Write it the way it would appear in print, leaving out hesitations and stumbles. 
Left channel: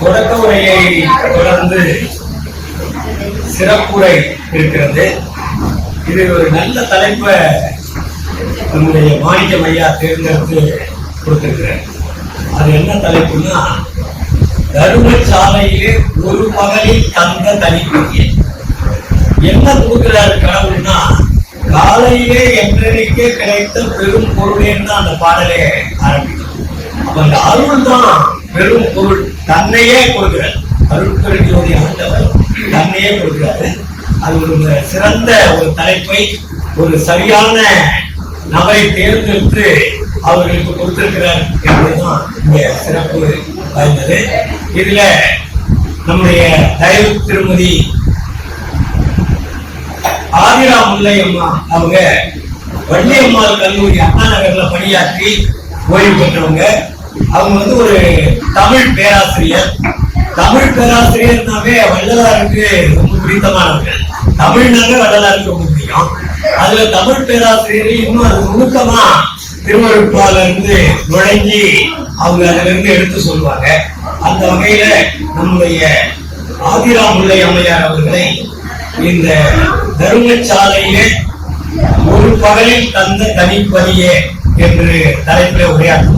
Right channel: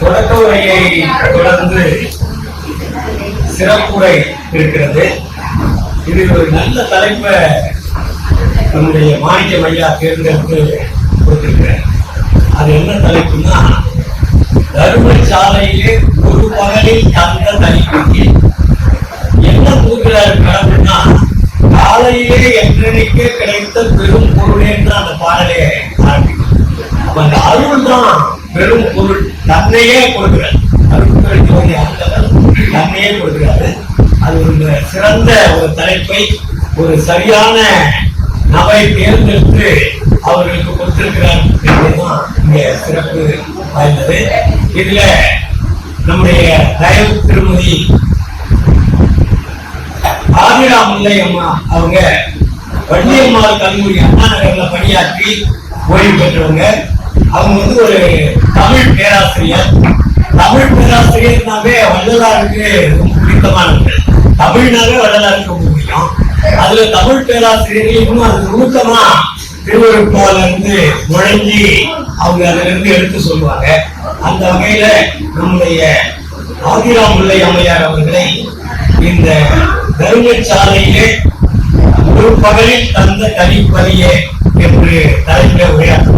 தொடக்க உரையை தொடர்ந்து சிறப்புரை இருக்கிறது. இது ஒரு நல்ல தலைப்பை நம்முடைய மாணிக்கம் ஐயா தேர்ந்தெடுத்து கொடுத்திருக்கிறார். அது என்ன தலைப்புன்னா, தர்மசாலையிலே ஒரு பகலில் தந்த தனிப்பையில் என்ன கொடுக்கிறார் கடவுள்னா, காலையிலே என்றைக்கே கிடைத்த பெரும் பொருளேன்னு தான் அந்த பாடலே ஆரம்பிக்கும். அப்ப அந்த அருள் தான் பெரும் பொருள், தன்னையே கொடுக்கிறார். அருள் பெருக்குவதை ஆண்டவர் தன்னையே கொடுக்கிறாரு. அது ஒரு சிறந்த ஒரு தலைப்பை ஒரு சரியான நபரை தேர்ந்தெடுத்து அவர்களுக்கு கொடுத்திருக்கிறார் என்பதுதான் இங்க சிறப்பு வாய்ந்தது. இதுல நம்முடைய தயவு திருமதி ஆதிரா முல்லை அம்மா அவங்க வள்ளியம்மாள் கல்லூரி அண்ணா நகர்ல பணியாற்றி ஓய்வு பெற்றவங்க. அவங்க ஒரு தமிழ் பேராசிரியர். தமிழ் பேராசிரியர்னாவே வள்ளலாருக்கு ரொம்ப பிடித்தமானவர்கள். தமிழ்னாவே வள்ளலாருக்கு ரொம்ப பிடிக்கும். அதுல தமிழ் பேராசிரியர்கள் இன்னும் அது நுணுக்கமா திருவருட்பால இருந்து நுழைஞ்சி அவங்க அதுல இருந்து எடுத்து சொல்லுவாங்க. அந்த வகையில நம்முடைய ஆதிரா முல்லை அம்மையார் அவர்களை இந்த தர்மசாலையிலே ஒரு பகலில் தந்த தனிப்பதியே என்று தலைப்பில் உரையாற்ற